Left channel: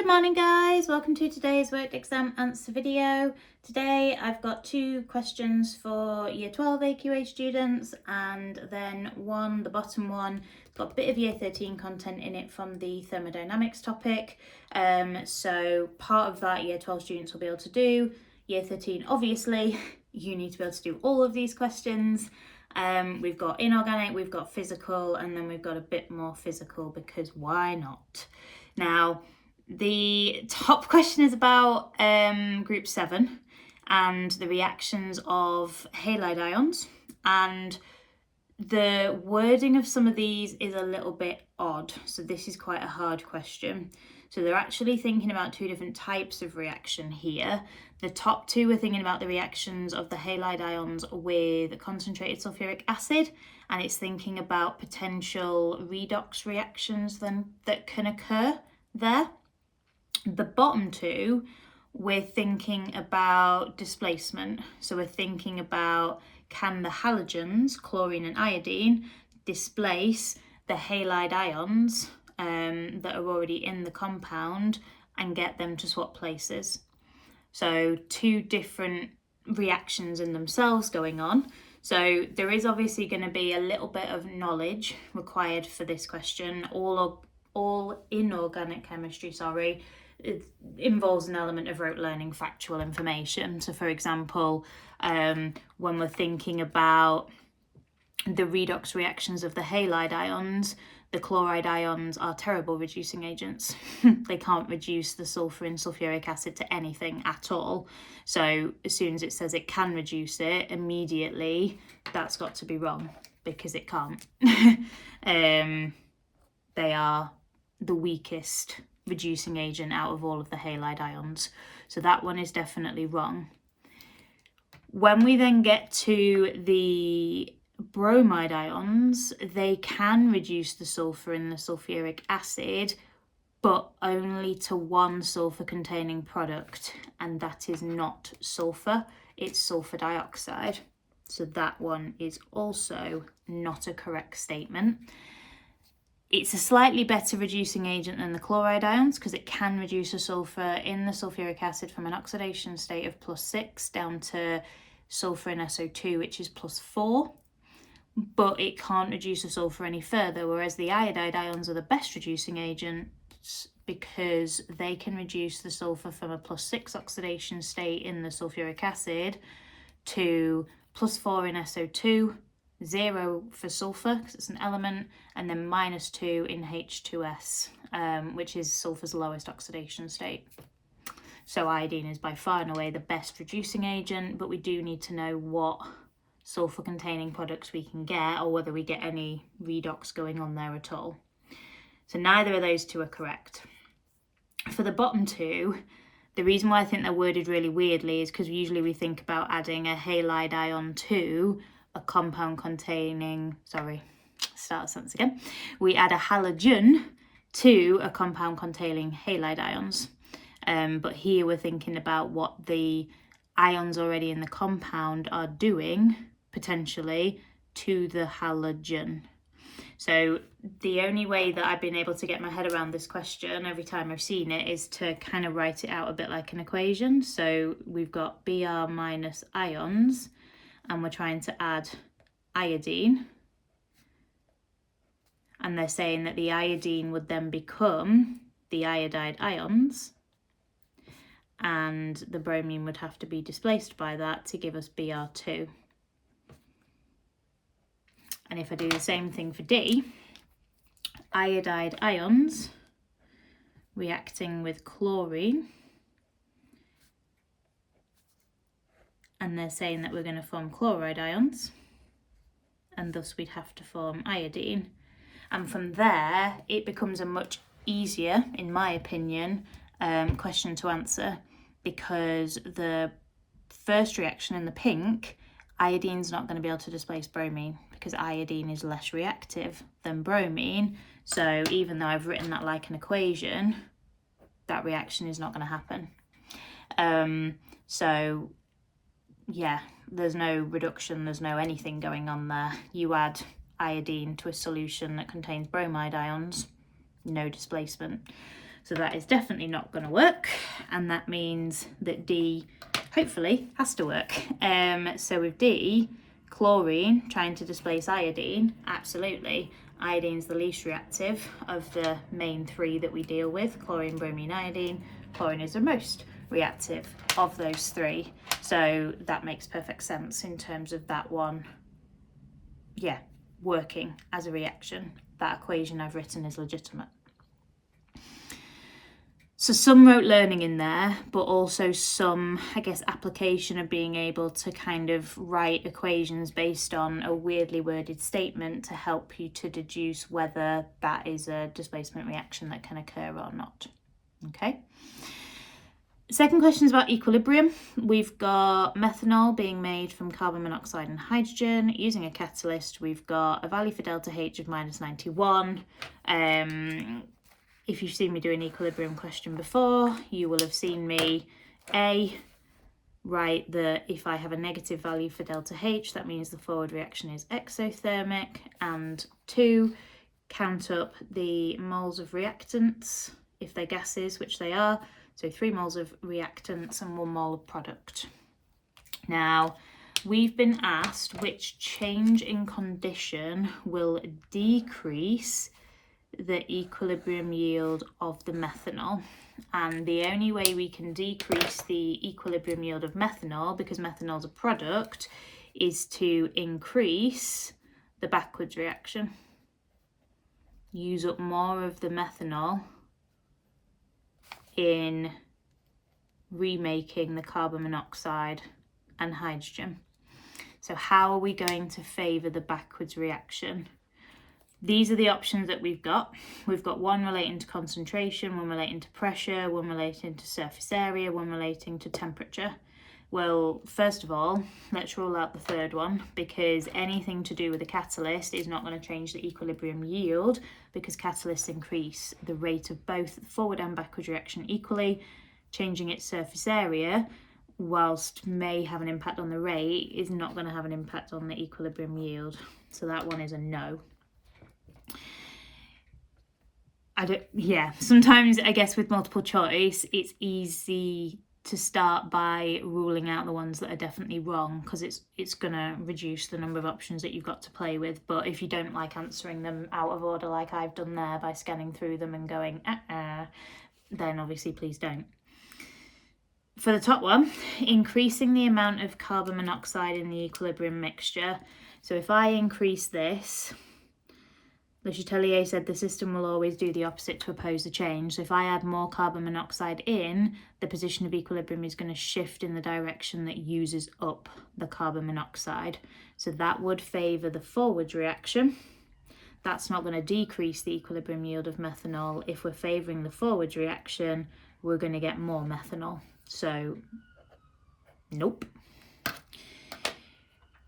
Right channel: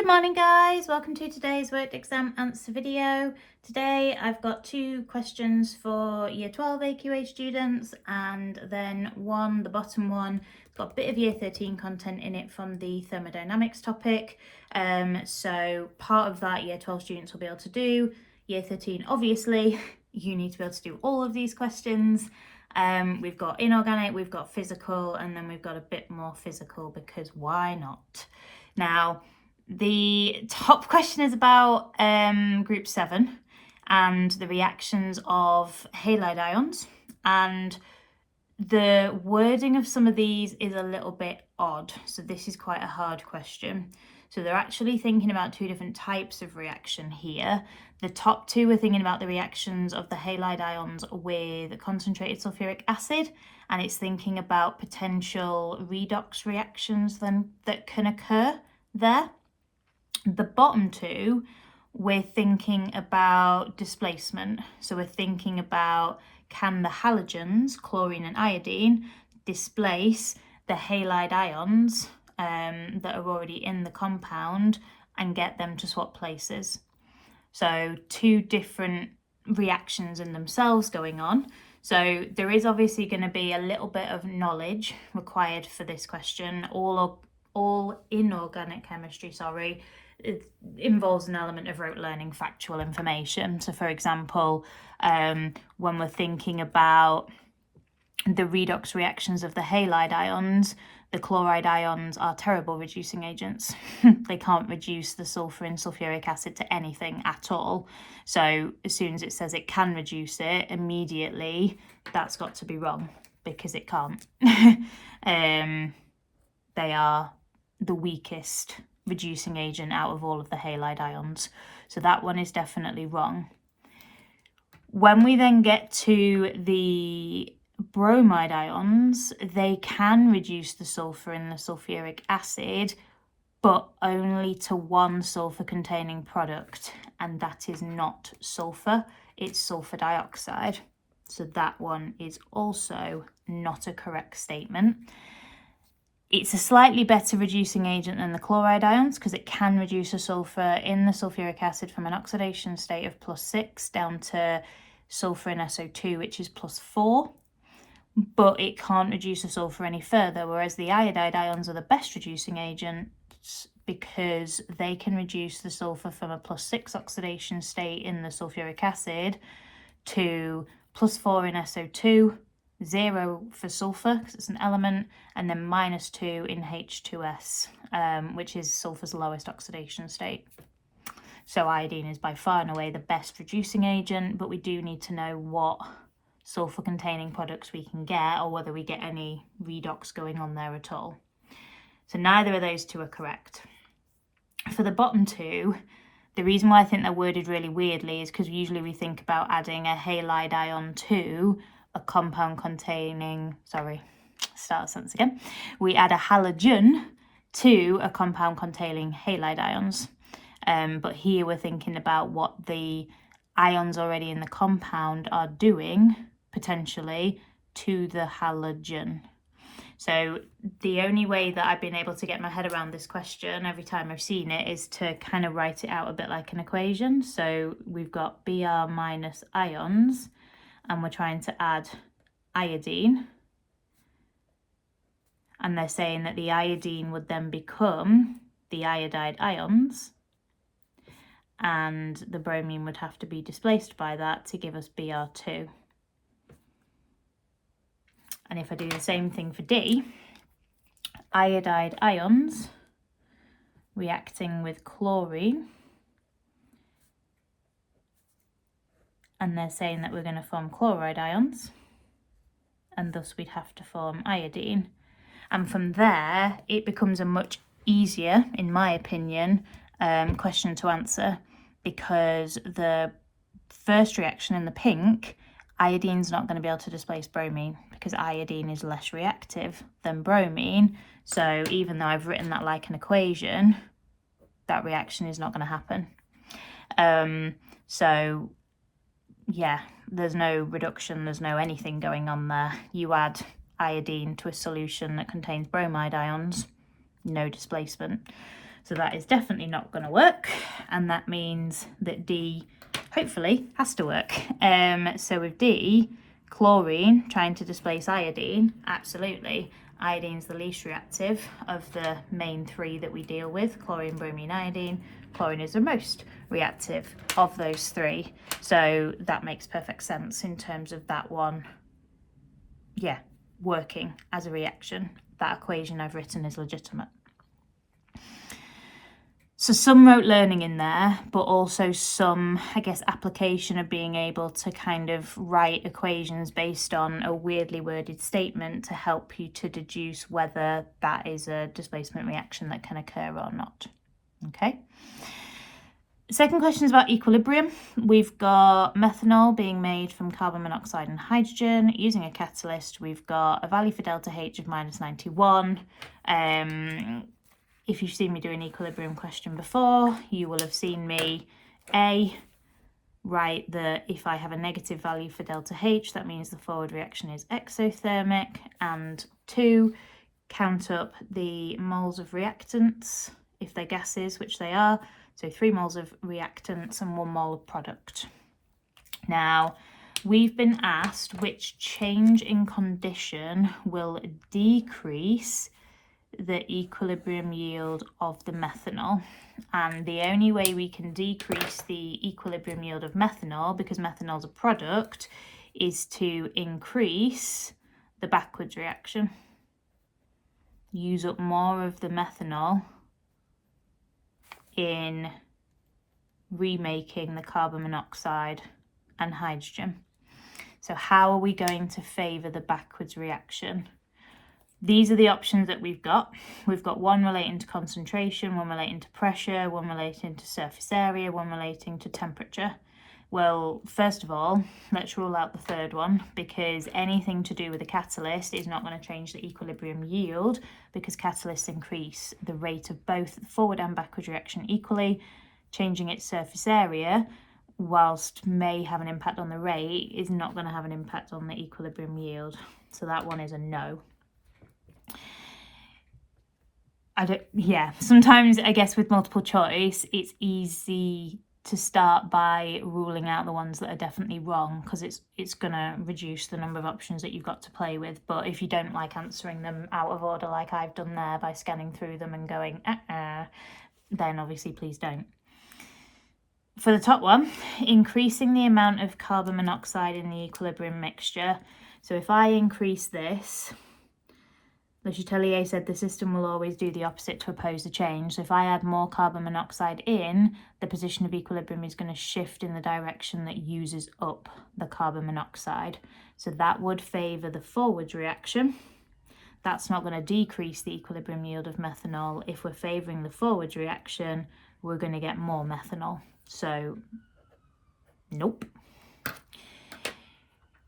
Good morning guys, welcome to today's worked exam answer video. Today I've got two questions for year 12 AQA students and then the bottom one, got a bit of year 13 content in it from the thermodynamics topic. So part of that year 12 students will be able to do. Year 13 obviously you need to be able to do all of these questions. We've got inorganic, we've got physical, and then we've got a bit more physical because why not? Now, the top question is about group 7 and the reactions of halide ions, and the wording of some of these is a little bit odd, so this is quite a hard question. So they're actually thinking about two different types of reaction here. The top two are thinking about the reactions of the halide ions with concentrated sulfuric acid, and it's thinking about potential redox reactions then that can occur there. The bottom two, we're thinking about displacement. So we're thinking about, can the halogens, chlorine and iodine, displace the halide ions that are already in the compound and get them to swap places. So two different reactions in themselves going on. So there is obviously going to be a little bit of knowledge required for this question. All inorganic chemistry, it involves an element of rote learning factual information. So for example, when we're thinking about the redox reactions of the halide ions, the chloride ions are terrible reducing agents. They can't reduce the sulfur in sulfuric acid to anything at all. So as soon as it says it can reduce it, immediately that's got to be wrong because it can't. They are the weakest reducing agent out of all of the halide ions. So that one is definitely wrong. When we then get to the bromide ions, they can reduce the sulfur in the sulfuric acid, but only to one sulfur containing product, and that is not sulfur, it's sulfur dioxide. So that one is also not a correct statement. It's a slightly better reducing agent than the chloride ions because it can reduce the sulfur in the sulfuric acid from an oxidation state of +6 down to sulfur in SO2, which is +4. But it can't reduce the sulfur any further, whereas the iodide ions are the best reducing agents because they can reduce the sulfur from a +6 oxidation state in the sulfuric acid to +4 in SO2, 0 for sulfur because it's an element, and then -2 in H2S, which is sulfur's lowest oxidation state. So iodine is by far and away the best reducing agent, but we do need to know what sulfur containing products we can get, or whether we get any redox going on there at all. So neither of those two are correct. For the bottom two, the reason why I think they're worded really weirdly is because usually we think about adding a halide ion to a compound containing, we add a halogen to a compound containing halide ions. But here we're thinking about what the ions already in the compound are doing, potentially, to the halogen. So the only way that I've been able to get my head around this question every time I've seen it is to kind of write it out a bit like an equation. So we've got Br minus ions, and we're trying to add iodine. And they're saying that the iodine would then become the iodide ions, and the bromine would have to be displaced by that to give us Br2. And if I do the same thing for D, iodide ions reacting with chlorine, and they're saying that we're going to form chloride ions, and thus we'd have to form iodine. And from there, it becomes a much easier, in my opinion, question to answer, because the first reaction in the pink, iodine's not going to be able to displace bromine because iodine is less reactive than bromine. So even though I've written that like an equation, that reaction is not going to happen. So yeah, there's no reduction, there's no anything going on there. You add iodine to a solution that contains bromide ions, no displacement. So that is definitely not going to work, and that means that D hopefully has to work. So with D, chlorine trying to displace iodine, absolutely. Iodine's the least reactive of the main three that we deal with, chlorine, bromine, iodine. Chlorine is the most reactive of those three. So that makes perfect sense in terms of that one, yeah, working as a reaction. That equation I've written is legitimate. So some rote learning in there, but also some, I guess, application of being able to kind of write equations based on a weirdly worded statement to help you to deduce whether that is a displacement reaction that can occur or not. Okay. Second question is about equilibrium. We've got methanol being made from carbon monoxide and hydrogen using a catalyst. We've got a value for delta H of -91. If you've seen me do an equilibrium question before, you will have seen me write that if I have a negative value for delta H, that means the forward reaction is exothermic, and 2, count up the moles of reactants if they're gases, which they are. So 3 moles of reactants and 1 mole of product. Now, we've been asked which change in condition will decrease the equilibrium yield of the methanol. And the only way we can decrease the equilibrium yield of methanol, because methanol is a product, is to increase the backwards reaction. Use up more of the methanol in remaking the carbon monoxide and hydrogen. So how are we going to favour the backwards reaction? These are the options that we've got. We've got one relating to concentration, one relating to pressure, one relating to surface area, one relating to temperature. Well, first of all, let's rule out the third one, because anything to do with a catalyst is not going to change the equilibrium yield, because catalysts increase the rate of both forward and backward reaction equally. Changing its surface area, whilst may have an impact on the rate, is not going to have an impact on the equilibrium yield. So that one is a no. Sometimes I guess with multiple choice, it's easy to start by ruling out the ones that are definitely wrong, because it's going to reduce the number of options that you've got to play with. But if you don't like answering them out of order like I've done there by scanning through them and going then obviously please don't. For the top one, increasing the amount of carbon monoxide in the equilibrium mixture. So if I increase this, Le Chatelier said the system will always do the opposite to oppose the change. So if I add more carbon monoxide in, the position of equilibrium is going to shift in the direction that uses up the carbon monoxide. So that would favour the forward reaction. That's not going to decrease the equilibrium yield of methanol. If we're favouring the forward reaction, we're going to get more methanol. So, nope.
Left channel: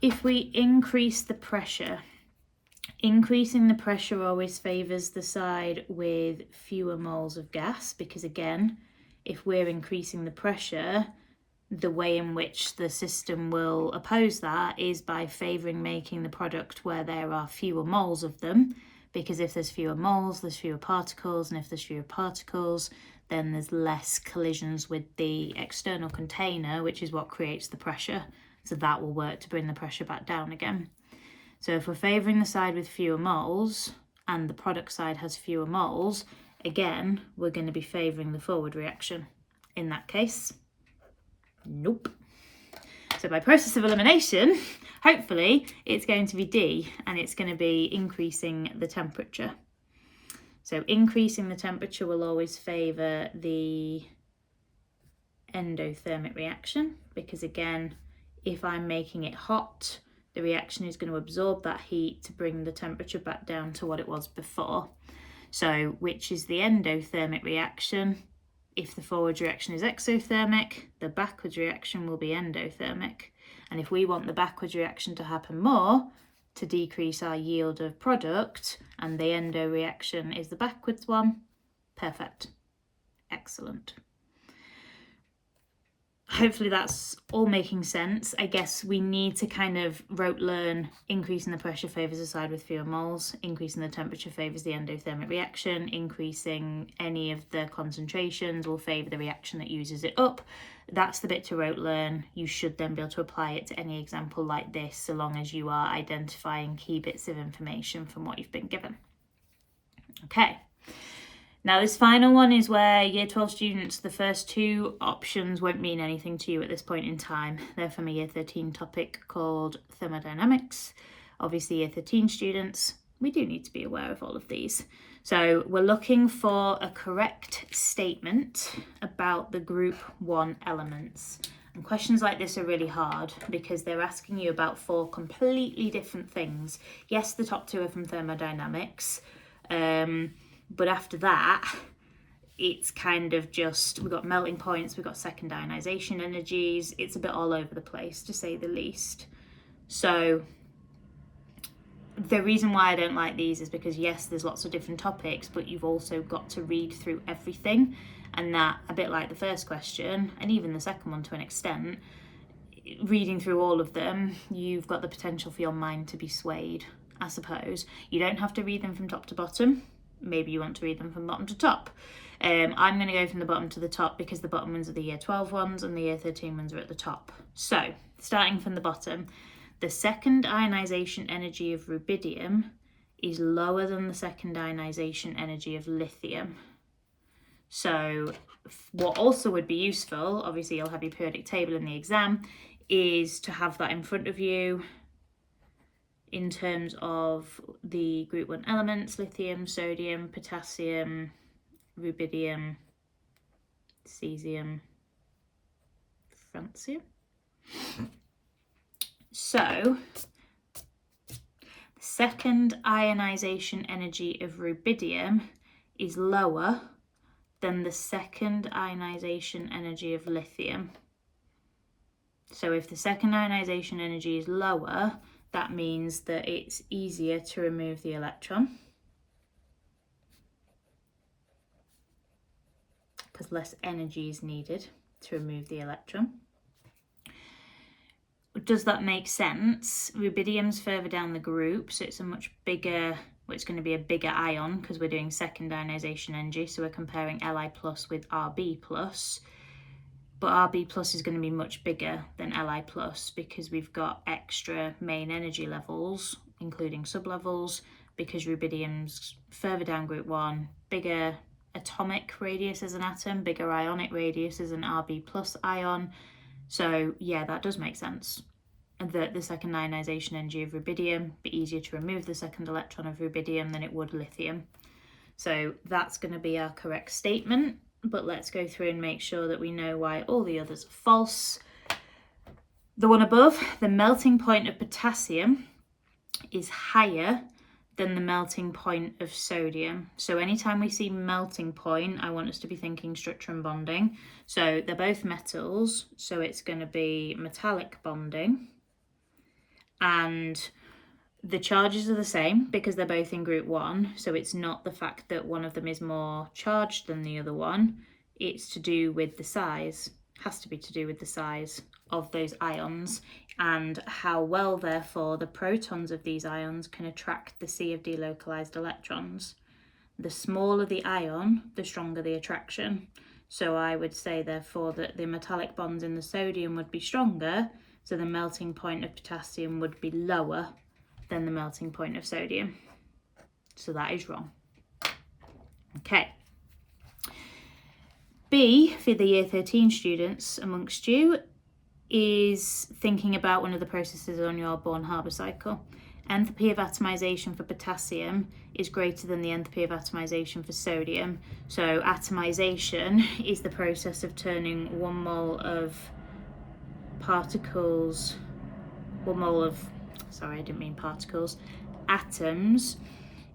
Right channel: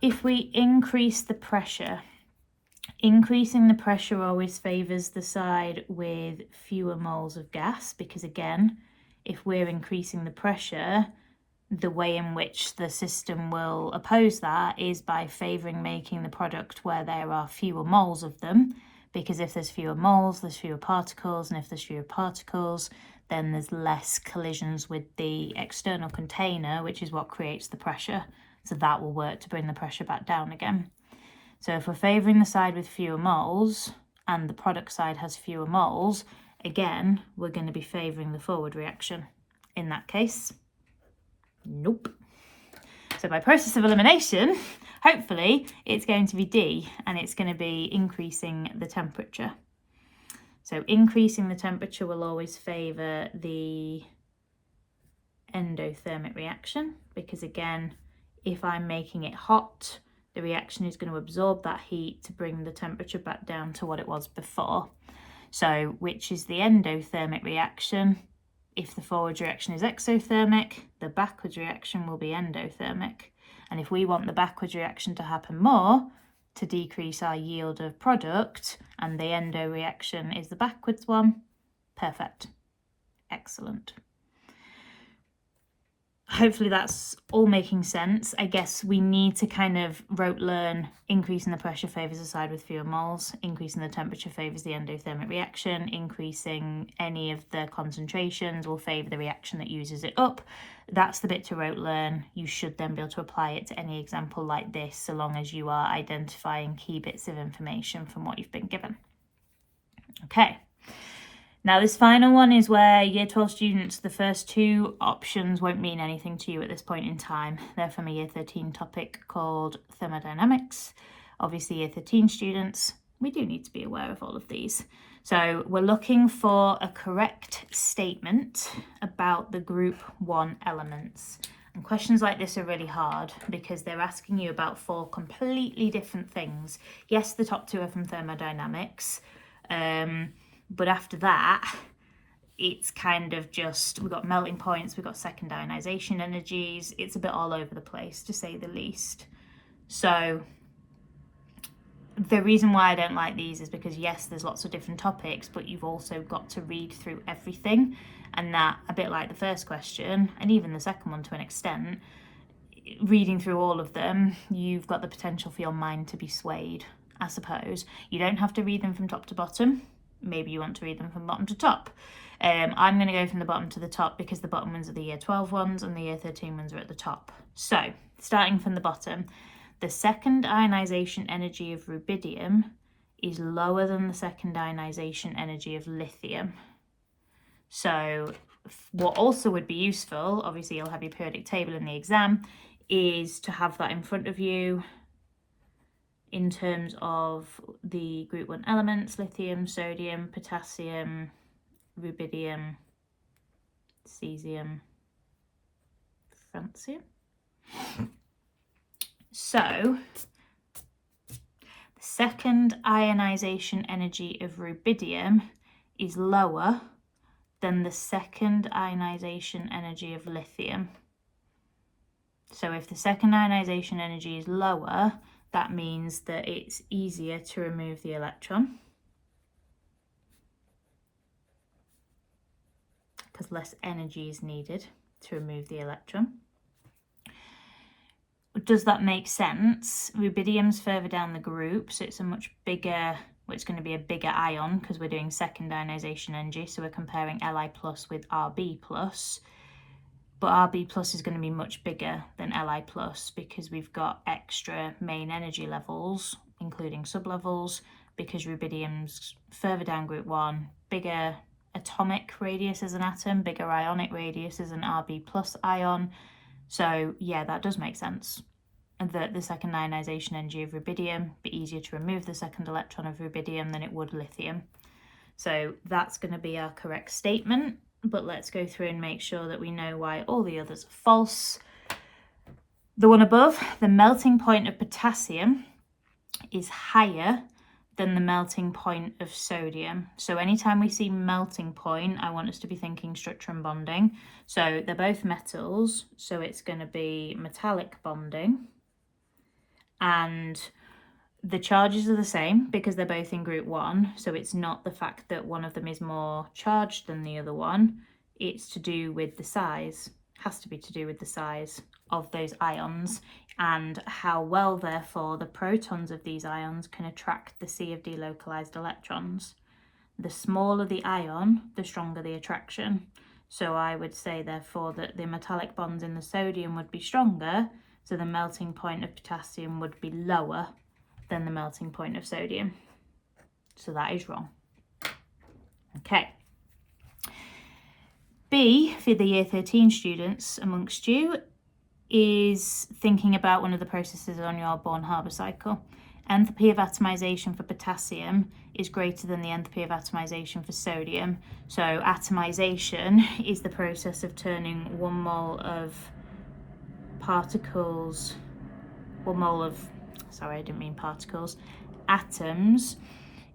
If we increase the pressure, increasing the pressure always favours the side with fewer moles of gas, because again, if we're increasing the pressure, the way in which the system will oppose that is by favouring making the product where there are fewer moles of them, because if there's fewer moles, there's fewer particles, and if there's fewer particles, then there's less collisions with the external container, which is what creates the pressure. So that will work to bring the pressure back down again. So if we're favouring the side with fewer moles and the product side has fewer moles, again, we're going to be favouring the forward reaction. In that case, nope. So by process of elimination, hopefully it's going to be D, and it's going to be increasing the temperature. So increasing the temperature will always favour the endothermic reaction, because again, if I'm making it hot, the reaction is going to absorb that heat to bring the temperature back down to what it was before. So which is the endothermic reaction? If the forward reaction is exothermic, the backwards reaction will be endothermic. And if we want the backwards reaction to happen more, to decrease our yield of product, and the endo reaction is the backwards one, perfect. Excellent. hopefully that's all making sense. I guess we need to kind of rote learn increasing the pressure favours the side with fewer moles, increasing the temperature favours the endothermic reaction, increasing any of the concentrations will favour the reaction that uses it up. That's the bit to rote learn. You should then be able to apply it to any example like this, so long as you are identifying key bits of information from what you've been given. Okay. Now this final one is where Year 12 students, the first two options won't mean anything to you at this point in time. They're from a Year 13 topic called thermodynamics. Obviously Year 13 students, we do need to be aware of all of these. So we're looking for a correct statement about the group 1 elements. And questions like this are really hard because they're asking you about 4 completely different things. Yes, the top 2 are from thermodynamics, but after that, it's kind of just, we've got melting points, we've got second ionization energies. It's a bit all over the place, to say the least. So the reason why I don't like these is because, yes, there's lots of different topics, but you've also got to read through everything. And that, a bit like the first question, and even the second one to an extent, reading through all of them, you've got the potential for your mind to be swayed, I suppose. You don't have to read them from top to bottom. Maybe you want to read them from bottom to top. I'm going to go from the bottom to the top because the bottom ones are the Year 12 ones and the Year 13 ones are at the top. So, starting from the bottom, the second ionization energy of rubidium is lower than the second ionization energy of lithium. So, what also would be useful, obviously you'll have your periodic table in the exam, is to have that in front of you in terms of the group 1 elements: lithium, sodium, potassium, rubidium, cesium, francium. So the second ionization energy of rubidium is lower than the second ionization energy of lithium. So if the second ionization energy is lower, that means that it's easier to remove the electron because less energy is needed to remove the electron. Does that make sense? Rubidium's further down the group, so it's a much bigger, well, it's going to be a bigger ion because we're doing second ionization energy, so we're comparing Li plus with Rb plus. But Rb plus is going to be much bigger than Li plus because we've got extra main energy levels, including sublevels, because rubidium's further down group 1, bigger atomic radius as an atom, bigger ionic radius as an Rb plus ion. So yeah, that does make sense. That the second ionization energy of rubidium be easier to remove the second electron of rubidium than it would lithium. So that's going to be our correct statement. But let's go through and make sure that we know why all the others are false. The one above, the melting point of potassium is higher than the melting point of sodium. So anytime we see melting point, I want us to be thinking structure and bonding. So they're both metals, so it's going to be metallic bonding. And the charges are the same because they're both in group 1, so it's not the fact that one of them is more charged than the other one, it's to do with the size, has to be to do with the size of those ions and how well, therefore, the protons of these ions can attract the sea of delocalized electrons. The smaller the ion, the stronger the attraction. So I would say, therefore, that the metallic bonds in the sodium would be stronger, so the melting point of potassium would be lower than the melting point of sodium. So that is wrong. Okay. B, for the Year 13 students amongst you, is thinking about one of the processes on your Born-Haber cycle. Enthalpy of atomization for potassium is greater than the enthalpy of atomization for sodium. So atomization is the process of turning 1 mole of particles, 1 mole of, sorry, I didn't mean particles, atoms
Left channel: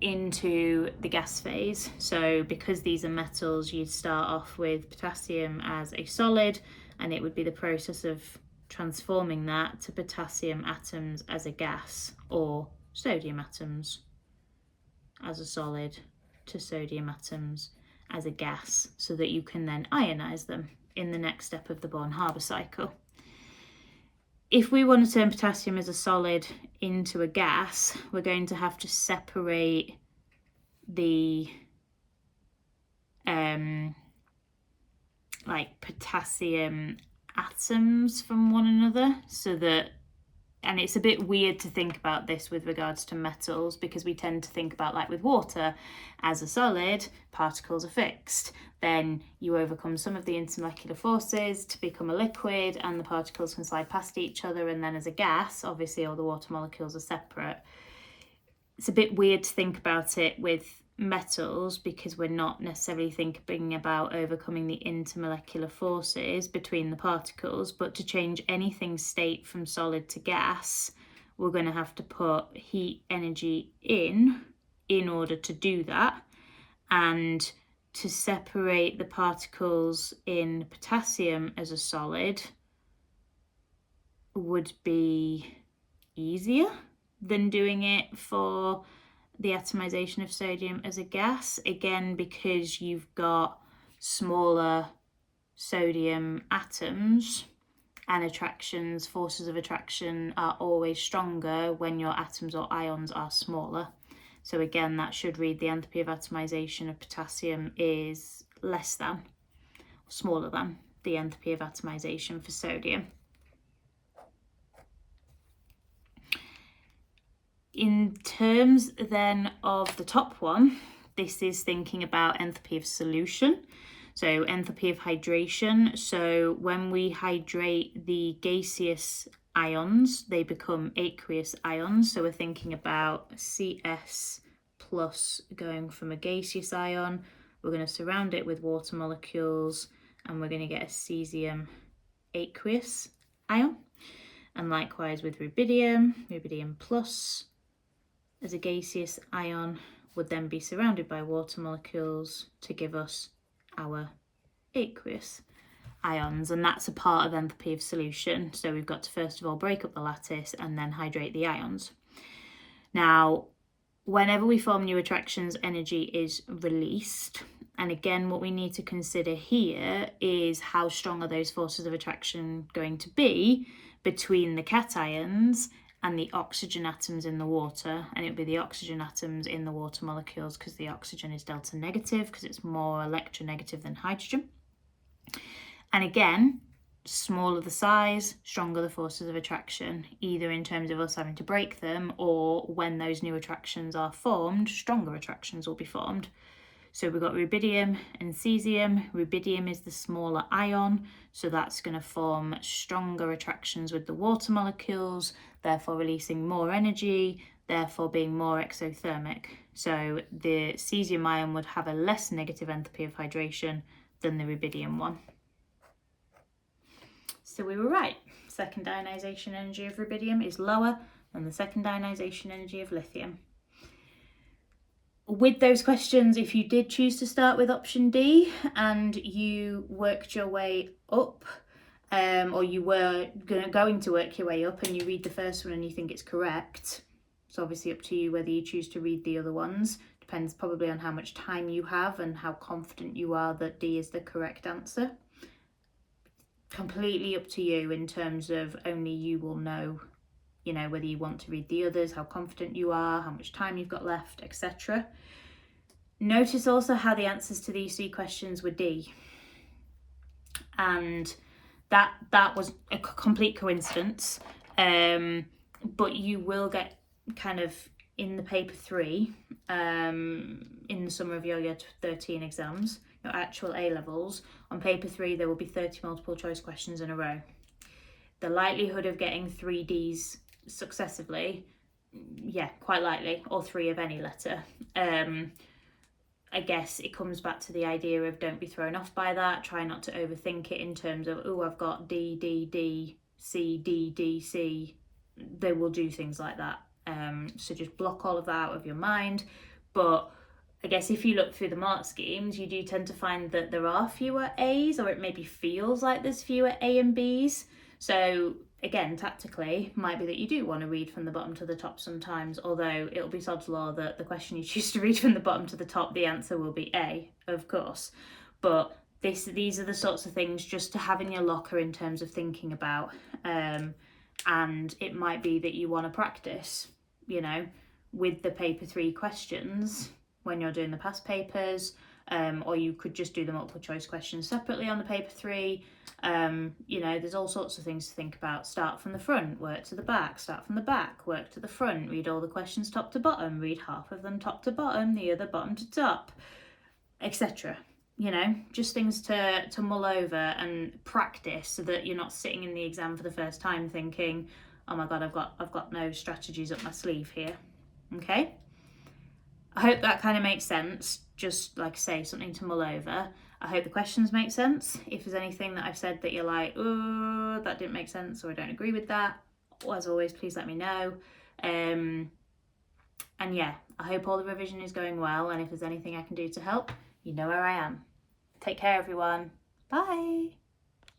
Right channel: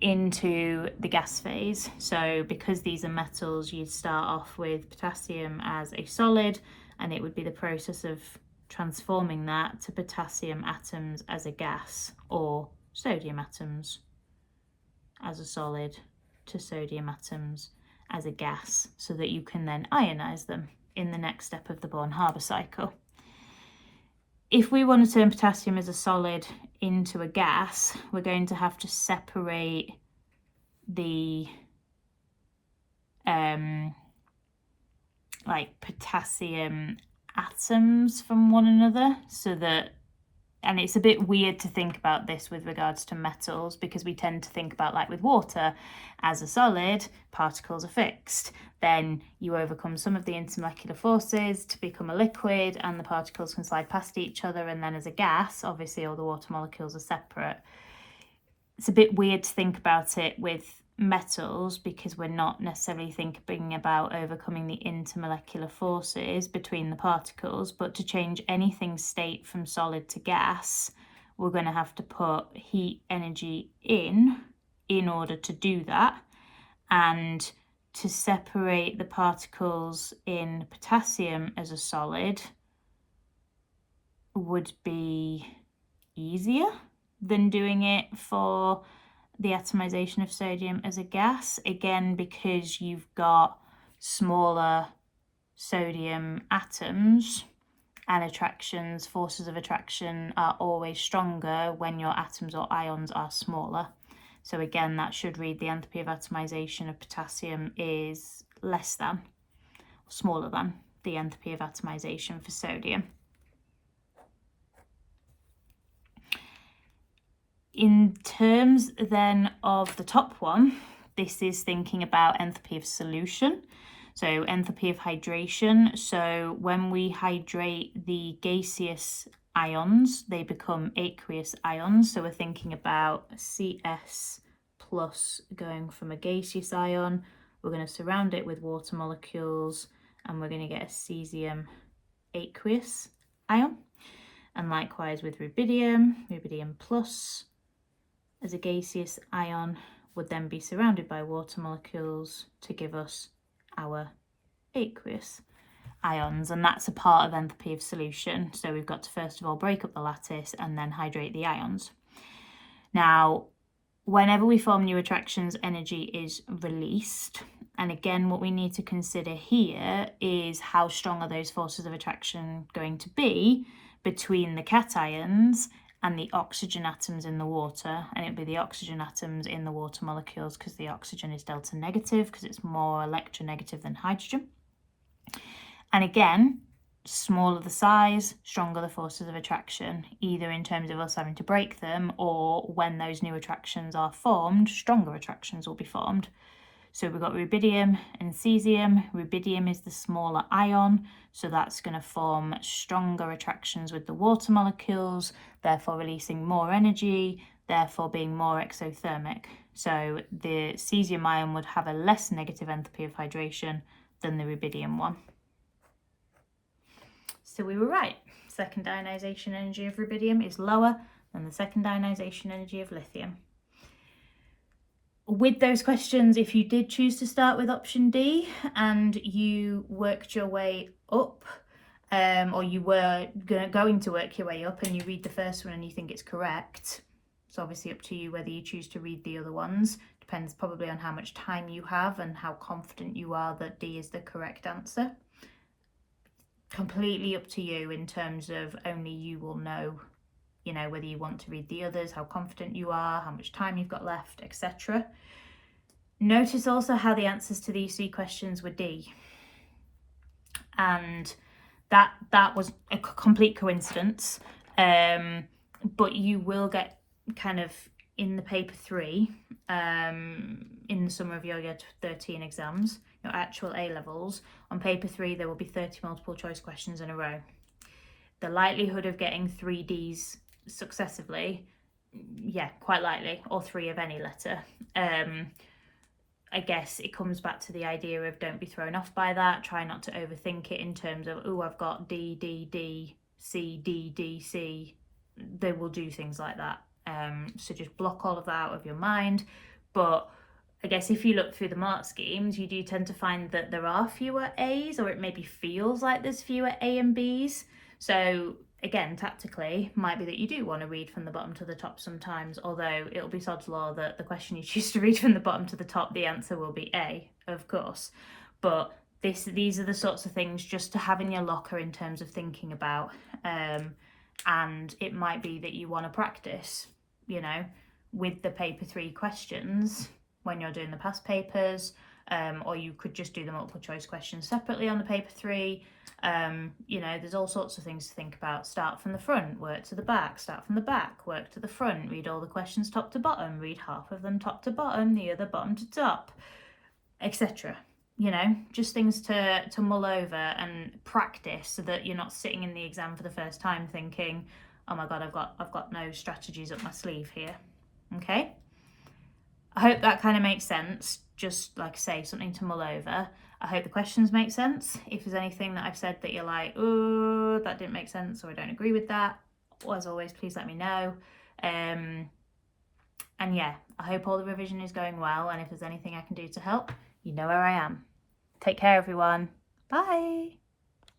into the gas phase. So because these are metals, you'd start off with potassium as a solid, and it would be the process of transforming that to potassium atoms as a gas, or sodium atoms as a solid to sodium atoms as a gas, so that you can then ionize them. in the next step of the Born-Haber cycle. If we want to turn potassium as a solid into a gas, we're going to have to separate the like potassium atoms from one another, so that, and it's a bit weird to think about this with regards to metals, because we tend to think about, like with water, as a solid, particles are fixed. Then you overcome some of the intermolecular forces to become a liquid, and the particles can slide past each other, and then as a gas, obviously all the water molecules are separate. It's a bit weird to think about it with metals, because we're not necessarily thinking about overcoming the intermolecular forces between the particles, but to change anything's state from solid to gas, we're going to have to put heat energy in order to do that. And to separate the particles in potassium as a solid would be easier than doing it for the atomization of sodium as a gas, again because you've got smaller sodium atoms, and attractions, forces of attraction, are always stronger when your atoms or ions are smaller. So again, that should read the enthalpy of atomization of potassium is less than, smaller than, the enthalpy of atomization for sodium. In terms then of the top one, this is thinking about enthalpy of solution. So enthalpy of hydration. So when we hydrate the gaseous ions, they become aqueous ions. So we're thinking about CS plus going from a gaseous ion. We're going to surround it with water molecules, and we're going to get a cesium aqueous ion. And likewise with rubidium, rubidium plus as a gaseous ion would then be surrounded by water molecules to give us our aqueous ions, and that's a part of enthalpy of solution. So we've got to first of all break up the lattice and then hydrate the ions. Now, whenever we form new attractions, energy is released, and again what we need to consider here is how strong are those forces of attraction going to be between the cations and the oxygen atoms in the water, and it'd be the oxygen atoms in the water molecules, because the oxygen is delta negative, because it's more electronegative than hydrogen. And again, smaller the size, stronger the forces of attraction, either in terms of us having to break them, or when those new attractions are formed, stronger attractions will be formed. So we've got rubidium and cesium. Rubidium is the smaller ion, so that's going to form stronger attractions with the water molecules, therefore releasing more energy, therefore being more exothermic. So the cesium ion would have a less negative enthalpy of hydration than the rubidium one. So we were right. Second ionization energy of rubidium is lower than the second ionization energy of lithium. With those questions, if you did choose to start with option D and you worked your way up, or you were going to work your way up, and you read the first one and you think it's correct, it's obviously up to you whether you choose to read the other ones. Depends probably on how much time you have and how confident you are that D is the correct answer. Completely up to you in terms of only you will know, you know, whether you want to read the others, how confident you are, how much time you've got left, etc. Notice also how the answers to these three questions were D. And that was a complete coincidence. But you will get kind of in the paper 3, in the summer of your year 13 exams, your actual A levels, on paper 3 there will be 30 multiple choice questions in a row. The likelihood of getting 3 Ds successively, yeah, quite likely, or 3 of any letter. I guess it comes back to the idea of don't be thrown off by that. Try not to overthink it in terms of, oh, I've got D, D, D, C, D, D, C. They will do things like that. So just block all of that out of your mind. But I guess if you look through the mark schemes, you do tend to find that there are fewer A's, or it maybe feels like there's fewer A and B's. So again, tactically, might be that you do want to read from the bottom to the top sometimes, although it'll be sod's law that the question you choose to read from the bottom to the top, the answer will be A, of course. But these are the sorts of things just to have in your locker in terms of thinking about. And it might be that you want to practice, you know, with the paper 3 questions when you're doing the past papers, or you could just do the multiple choice questions separately on the paper 3. You know, there's all sorts of things to think about. Start from the front, work to the back, start from the back, work to the front, read all the questions top to bottom, read half of them top to bottom, the other bottom to top, etc. You know, just things to mull over and practice, so that you're not sitting in the exam for the first time thinking, oh my god, I've got no strategies up my sleeve here. Okay, I hope that kind of makes sense. Just like I say, something to mull over. I hope the questions make sense. If there's anything that I've said that you're like, oh, that didn't make sense, or I don't agree with that, as always, please let me know. And yeah, I hope all the revision is going well, and if there's anything I can do to help, you know where I am. Take care, everyone. Bye.